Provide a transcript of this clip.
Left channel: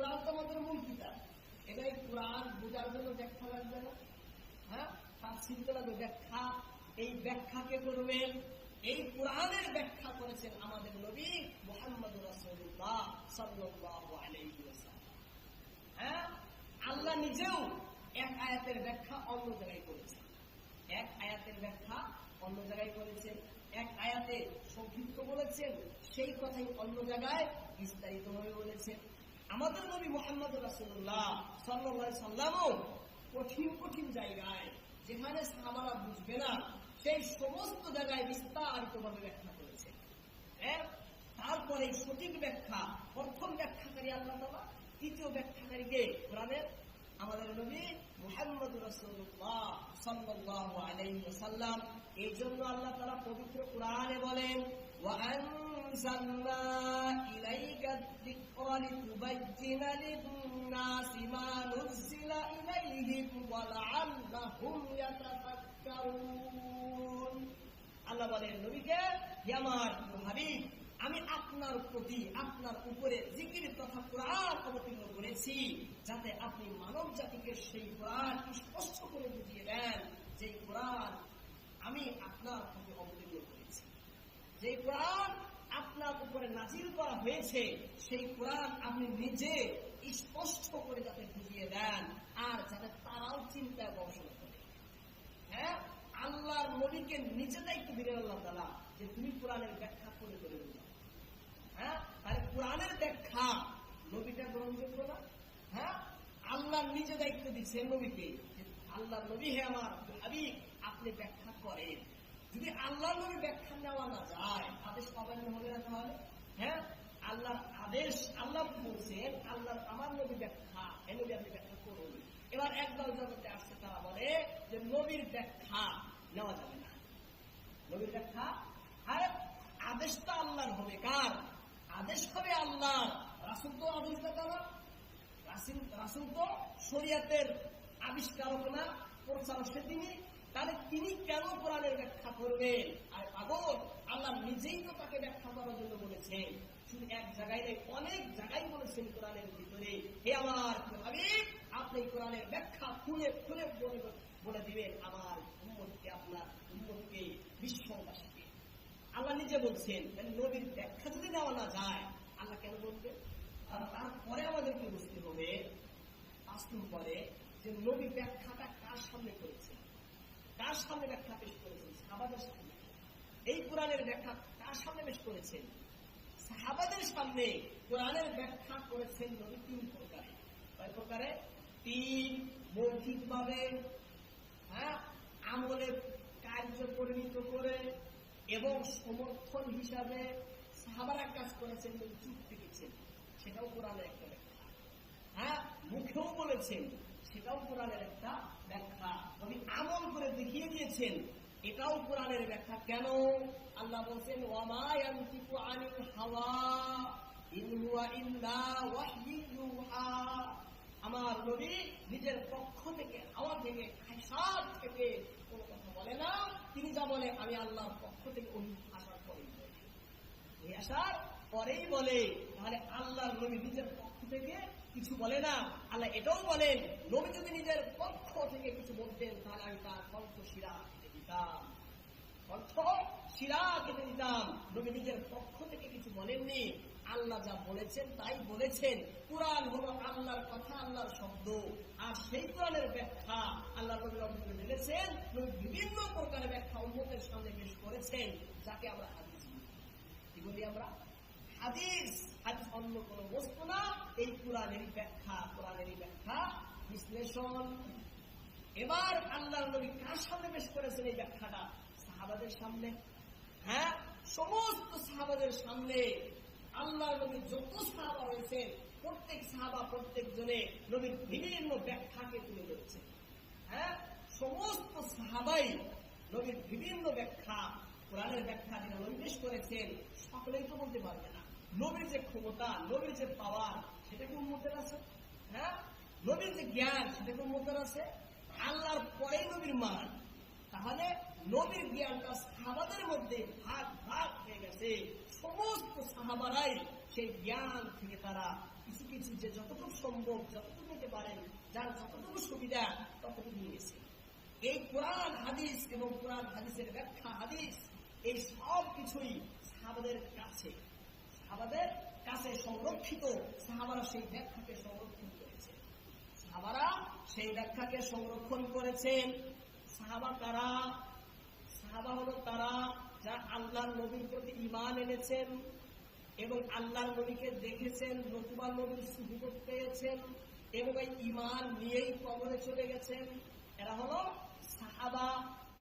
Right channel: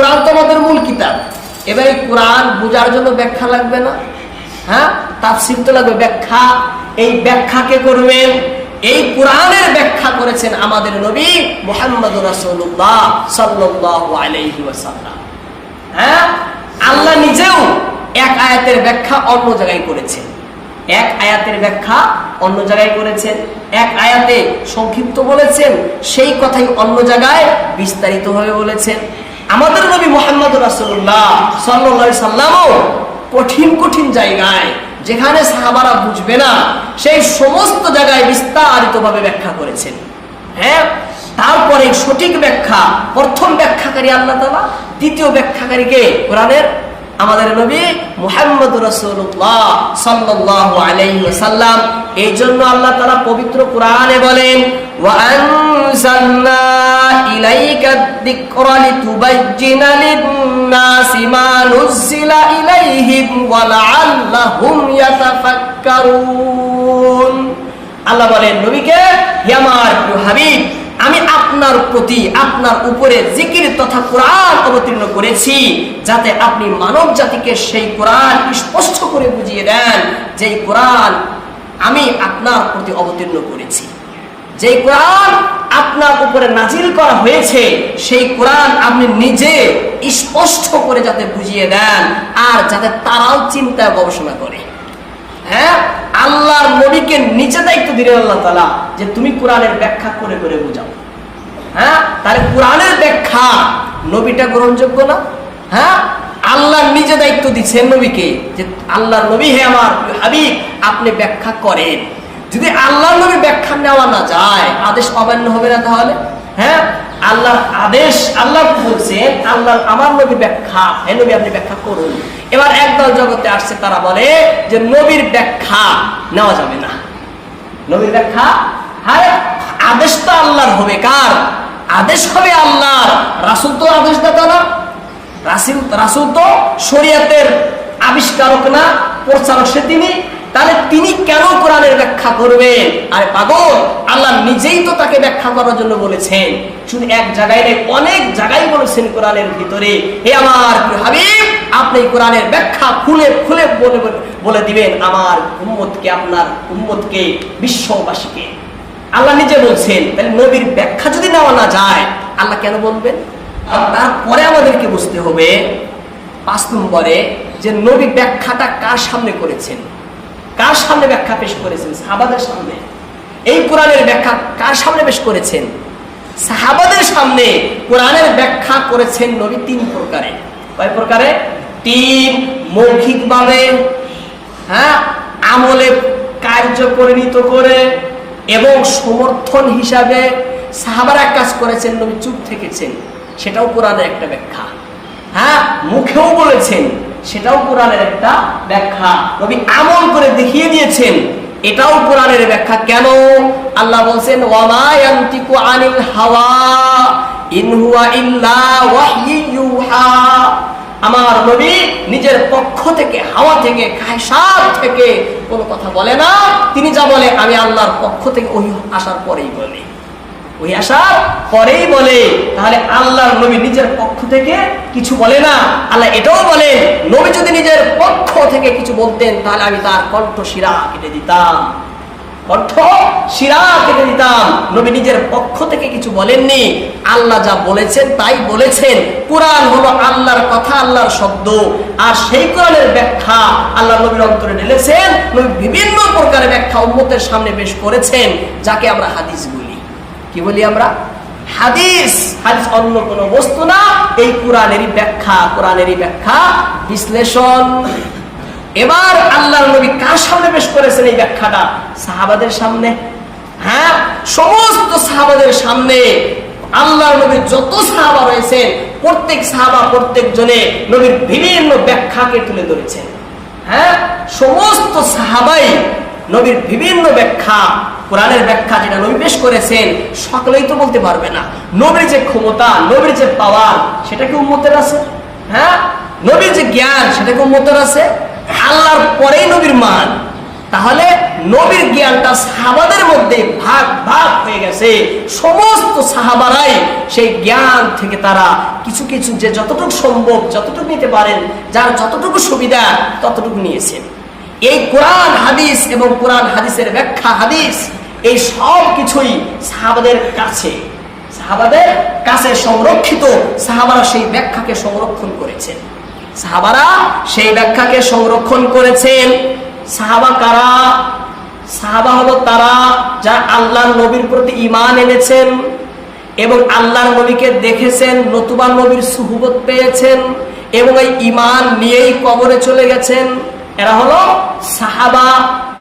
কোরআন তো আমাদের মূল কিতাব। এবার এই কোরআন বোঝার জন্য ব্যাখ্যা লাগবে না? হ্যাঁ? তাফসির তো লাগবে। ব্যাখ্যা, এই ব্যাখ্যাকে করবেন এই কোরআনের ব্যাখ্যা করেছেন আমাদের নবী মোহাম্মদ রাসূলুল্লাহ সাল্লাল্লাহু আলাইহি ওয়াসাল্লাম। হ্যাঁ? আল্লাহ নিজেও এক আয়াতের ব্যাখ্যা অন্য জায়গায় করেছেন। এক আয়াতের ব্যাখ্যা অন্য জায়গায় করেছেন। এক আয়াতে সংক্ষিপ্ত বলেছেন, সেই কথাই অন্য জায়গায় বিস্তারিতভাবে বলেছেন। আমাদের নবী মোহাম্মদ রাসূলুল্লাহ সাল্লাল্লাহু সাল্লামও কঠিন কঠিন জায়গায়, যেখানে সাহাবারা বুঝবে না, সেই সমস্ত জায়গায় বিস্তারিতভাবে ব্যাখ্যা করেছেন। হ্যাঁ? তারপরে সঠিক ব্যাখ্যা, প্রথম ব্যাখ্যাকারী আল্লাহ তালা দ্বিতীয় ব্যাখ্যাকারীকে কোরআনের আমাদের নবী মুহাম্মদ রাসূলুল্লাহ সাল্লাল্লাহু আলাইহি ওয়াসাল্লাম। এই জন্য আল্লাহ তাআলা পবিত্র কোরআনে বলেন আল্লাহ বলেন, নবীকে আমি আপনার প্রতি, আপনার উপরে জিকির তথা কোরআন অবতীর্ণ করেছি, যাতে আপনি মানব জাতিকে সেই কোরআন স্পষ্ট করে বুঝিয়ে দেন যে কোরআন আমি আপনার প্রতি অবতীর্ণ করেছি। যে কোরআন আপনার উপরে নাজিল করা হয়েছে, সেই কোরআন আপনি নিজে স্পষ্ট করে যাতে বুঝিয়ে দেন আর যাতে তারাও চিন্তা গবেষণা করে। হ্যাঁ? আল্লাহর নবীকে নিচে দায়িত্ব দিলেন আল্লাহ তালা যে তুমি কোরআনের ব্যাখ্যা করে করে বুঝাও। হ্যাঁ? তাহলে কোরআনের ব্যাখ্যা নবীটা গ্রহণযোগ্য না? হ্যাঁ? আল্লাহ নিজে দায়িত্ব দিচ্ছেন নবীকে যে আল্লাহর নবী হে আমার হাবিব, আপনি ব্যাখ্যা করেন। যদি আল্লাহর নবী ব্যাখ্যা নেওয়া না যায়, আদেশ অমান্য হবে না তাহলে? হ্যাঁ? আল্লাহর আদেশ, আল্লাহ বলছেন, আল্লাহ আমার নবী ব্যাখ্যা, হে নবী আপনি ব্যাখ্যা করুন। এবার একদল জগতে আসছে, তারা বলে যে নবীর ব্যাখ্যা নেওয়া যাবে না। নবীর ব্যাখ্যা? হ্যাঁ আদেশ তো আল্লাহর হবে। কার? আদেশ হবে আল্লাহর। রাসুল তো আদেশ দাতা না। রাসুল রাসুল তো শরিয়াতের আবিষ্কারক না, প্রচারক সে তিনি। তাহলে তিনি কেন কোরআনের ব্যাখ্যা করবেন? পাগল, আল্লাহ নিজেই তো তাকে ব্যাখ্যা করার জন্য বলেছেন। শুধু এক জায়গায় নেই অনেক জায়গায় বলেছেন কোরআনের ভিতরে। হে আমার হাবিব, আপনি কোরআনের ব্যাখ্যা খুলে খুলে বলে বলে দিবেন, আমার উম্মতকে, আপনার উম্মতকে, বিশ্ববাসীকে। আল্লাহ নিজে বলছেন, তাহলে নবীর ব্যাখ্যা যদি নেওয়া না যায়, আল্লাহ কেন বলবেন? আর তারপরে আমাদেরকে বুঝতে হবে পাঁচ নম্বরে যে নবী ব্যাখ্যাটা কার সামনে করেছেন? কার সামনে ব্যাখ্যা পেশ করেছেন? সাহাবাদের সামনে। এই কোরআনের ব্যাখ্যা কার সামনে পেশ করেছেন? সাহাবাদের সামনে কোরআনের ব্যাখ্যা করেছেন নবী তিন প্রকারে। কয় প্রকারে? তিন মৌখিকভাবে হ্যাঁ আমলে কার্য পরিণত করে এবং সমর্থন হিসাবে সাহাবারা কাজ করেছেন, নবী চুপ থেকেছেন। সেটাও কোরআনের একটা ব্যাখ্যা। হ্যাঁ মুখেও বলেছেন, সেটাও কোরআনের একটা ব্যাখ্যা। নবী আমল করে দেখিয়ে দিয়েছেন, এটাও কোরআনের ব্যাখ্যা। কেন? আল্লাহ বলছেন, ওয়ামা ইয়ান্তিকু আনিল হাওয়া, ইন ইল্লা ওয়াহইয়ুহা আমার নবী নিজের পক্ষ থেকে, হাওয়া থেকে খায়সার থেকে কোনো কথা বলে না। তিনি যা বলে, আমি আল্লাহর পক্ষ থেকে ওই আসার পরেই বলি। ওই আসার পরেই বলে। তাহলে আল্লাহর নবী নিজের পক্ষ থেকে কিছু বলে না। আল্লাহ এটাও বলেন, নবী যদি নিজের পক্ষ থেকে কিছু বলতেন, তাহলে আমি তার কণ্ঠ শিরা কেটে দিতাম। কণ্ঠ শিরা কেটে দিতাম। নবী নিজের পক্ষ থেকে কিছু বলেননি। আল্লাহ যা বলেছেন, তাই বলেছেন। কোরআন হলো আল্লাহর কথা, আল্লাহর শব্দ। আর সেই কোরআনের ব্যাখ্যা আল্লাহ নবীর অন্তরে ঢেলেছেন। নবী বিভিন্ন প্রকারের ব্যাখ্যা উম্মতের সামনে পেশ করেছেন, যাকে আমরা হাদিস বলি। কি বলি আমরা? হাদিস হাদিস অন্য কোনো বস্তু না, এই কোরআনেরই ব্যাখ্যা কোরআনেরই ব্যাখ্যা, বিশ্লেষণ। এবার আল্লাহর নবী কার সামনে পেশ করেছেন এই ব্যাখ্যাটা? সাহাবাদের সামনে। হ্যাঁ সমস্ত সাহাবাদের সামনে আল্লাহর নবীর যত সাহাবা রয়েছেন, প্রত্যেক সাহাবা প্রত্যেক জনে নবীর বিভিন্ন ব্যাখ্যাকে তুলে ধরেছেন। হ্যাঁ সমস্ত সাহাবাই নবীর বিভিন্ন ব্যাখ্যা কোরআনের ব্যাখ্যা যেটা নবী পেশ করেছেন, সকলেই তো বলতে পারবে না। নবীর যে ক্ষমতা, নবীর যে পাওয়ার সেটা কি উন্মতের আছে? হ্যাঁ? নবীর যে জ্ঞান, সেটা কি উন্মতের আছে? আল্লাহর পরেই নবীর মান। তাহলে নবীর জ্ঞানটা সাহাবাদের মধ্যে ভাগ ভাগ হয়ে গেছে। সমস্ত সাহাবারাই সেই জ্ঞান থেকে তারা কিছু কিছু যে যতটুকু সম্ভব, যতটুকু নিতে পারেন, যার যতটুকু সুবিধা, ততটুকু নিয়েছেন। এই কোরআন হাদিস এবং কোরআন হাদিসের ব্যাখ্যা হাদিস এই সব কিছুই সাহাবাদের কাছে। সাহাবাদের কাছে সংরক্ষিত। সাহাবারা সেই ব্যাখ্যাকে সংরক্ষণ করেছেন। সাহাবারা সেই ব্যাখ্যাকে সংরক্ষণ করেছেন। সাহাবা কারা? সাহাবা হলো তারা যারা আল্লাহর নবীর প্রতি ইমান এনেছেন এবং আল্লাহর নবীকে দেখেছেন, নতুবা নবীর সুহুবত পেয়েছেন এবং এই ইমান নিয়েই কবরে চলে গেছেন। এরা হলো সাহাবা।